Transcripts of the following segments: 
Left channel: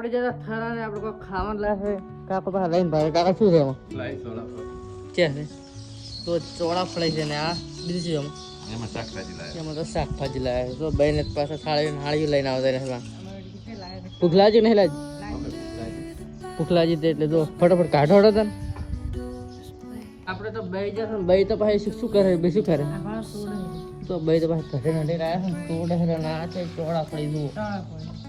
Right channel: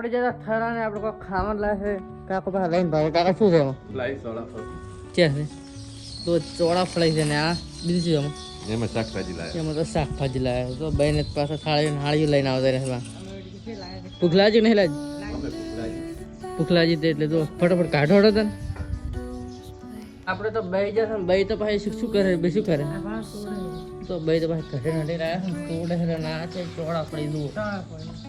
આપણે જરા થરા ને આપણે કોઈ ખાવાનું લાગે કાકો પાસે લઈને ભાઈ કાકા શું છે લાઈ સોડા ફળ છે છે તો ચોળા ફળાઈ છે ને આ બીજું શું એમાં એમાં શાકભાજી લાય એમાં તો શાકભાજી લાવે તો બહેને પાસે થાળી હાળી લઈને આવતા રહે પુખલાજી નહીં લાજ પુખલાજી તે એટલે તો ફટાફટ કાઢો હતા આપણે તો બે જશે ને બે તો પાસે શું શું કરે બે શું કરે તો બે તો પાસે ઘટે નડી રહ્યા છે કોડે હેરો ના છે ચોળા પડી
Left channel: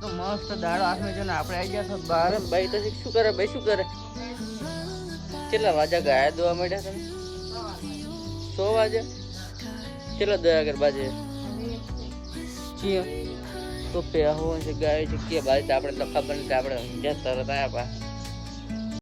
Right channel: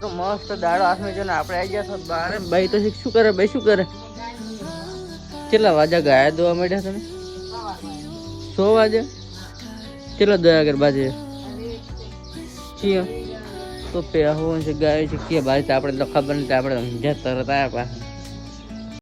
તો મસ્ત દાડો હાથમાં જો ને આપણે આવી ગયા છો બહાર ભાઈ તો શું કરે ભાઈ શું કરે? કેટલા વાજા ગાયા દોવા માંડ્યા તમે? સો વાજે કેટલા દયા કર બાજે? છીએ તો પે હું છે, ગાય છે કે ભાઈ તો આપણે તો ખબર નથી આપણે ઊંઝા તરત આવ્યા પાછા